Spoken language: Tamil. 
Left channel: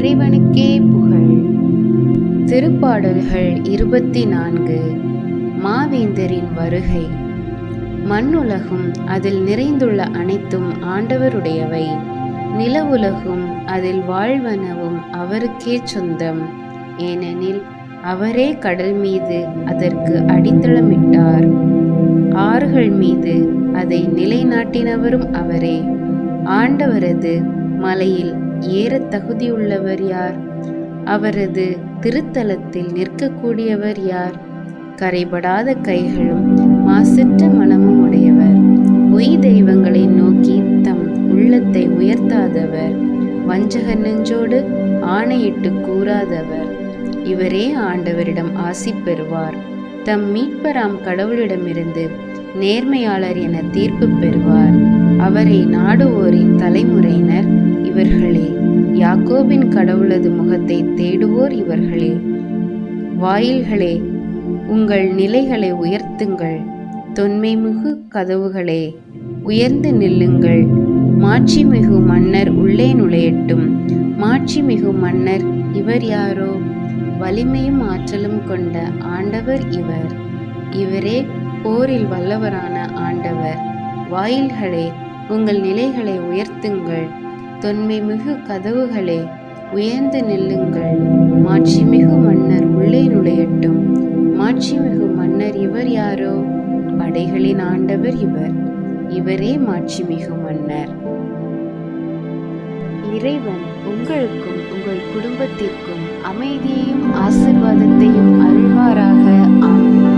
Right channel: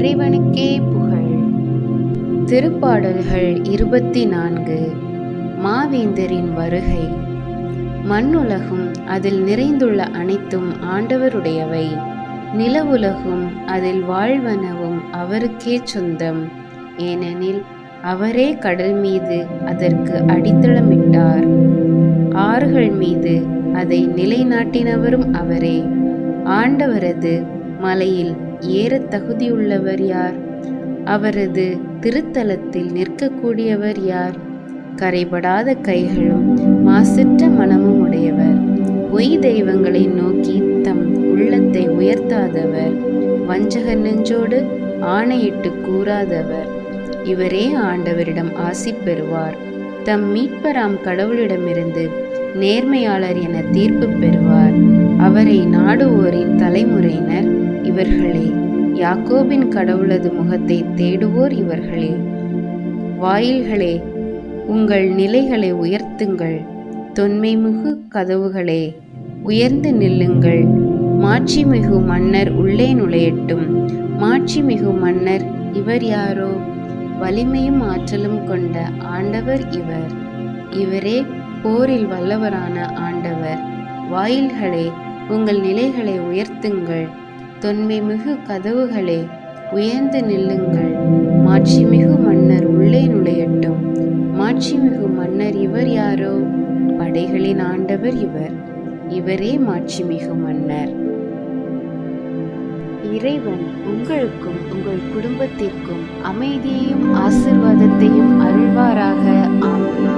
இறைவனுக்கே புகழ். திருப்பாடல்கள் 24. மாவேந்தரின் வருகை. மண்ணுலகும் அதில் நிறைந்துள்ள அனைத்தும் ஆண்டவருடையவை. நிலவுலகும் அதில் வாழ்வனவும் அவருக்கே சொந்தம். ஏனெனில் அவரே கடல் மீது அதற்கு அடித்தளமிட்டார். ஆறுகள் மீது அதை நிலைநாட்டினவரும் அவரே. ஆண்டவரது மலையில் ஏறத் தகுதியுள்ளவர் யார்? அவரது திருத்தலத்தில் நிற்கக்கூடியவர் யார்? கரைபடாத கைகளும் மாசற்ற மனமும் உடையவர், பொய் தெய்வங்களை நோக்கி தம் உள்ளத்தை உயர்த்தாதவர், வஞ்சக நெஞ்சோடு ஆணையிட்டு கூறாதவர். இவரே ஆண்டவரிடம் ஆசி பெறுவார். தம் மீட்பராம் கடவுளிடமிருந்து நேர்மையாளர் என தீர்ப்பு பெறுவார். அவரை நாடுவோரின் தலைமுறையினர் இவர்களே. யாக்கோபின் கடவுளது முகத்தை தேடுவோர் இவர்களே. வாயில்களே, உங்கள் நிலைகளை உயர்த்துங்கள். தொன்மைமிகு கதவுகளே, உயர்ந்து நில்லுங்கள். மாட்சிமிகு மன்னர் உள்ளே நுழையட்டும். மாட்சிமிகு மன்னர் இவர் யாரோ? வலிமையும் ஆற்றலும் கொண்ட ஆண்டவர் இவர். இவரே போரில் வல்லவரான ஆண்டவர். வாயில்களே, உங்கள் நிலைகளை உயர்த்துங்கள். தொன்மைமிகு கதவுகளே, உயர்ந்து நில்லுங்கள். மாட்சிமிகு மன்னர் உள்ளே நுழையட்டும். மாட்சிமிகு மன்னர் இவர் யாரோ? படைகளின் ஆண்டவர் இவர். இவரே மாட்சிமிகு மன்னர். இறைவன் உங்களுக்கும் உங்கள் குடும்பத்திற்கும் அமைதியையும் ஆசீர்வாதத்தையும் அருள்வாராக. ஆமென்.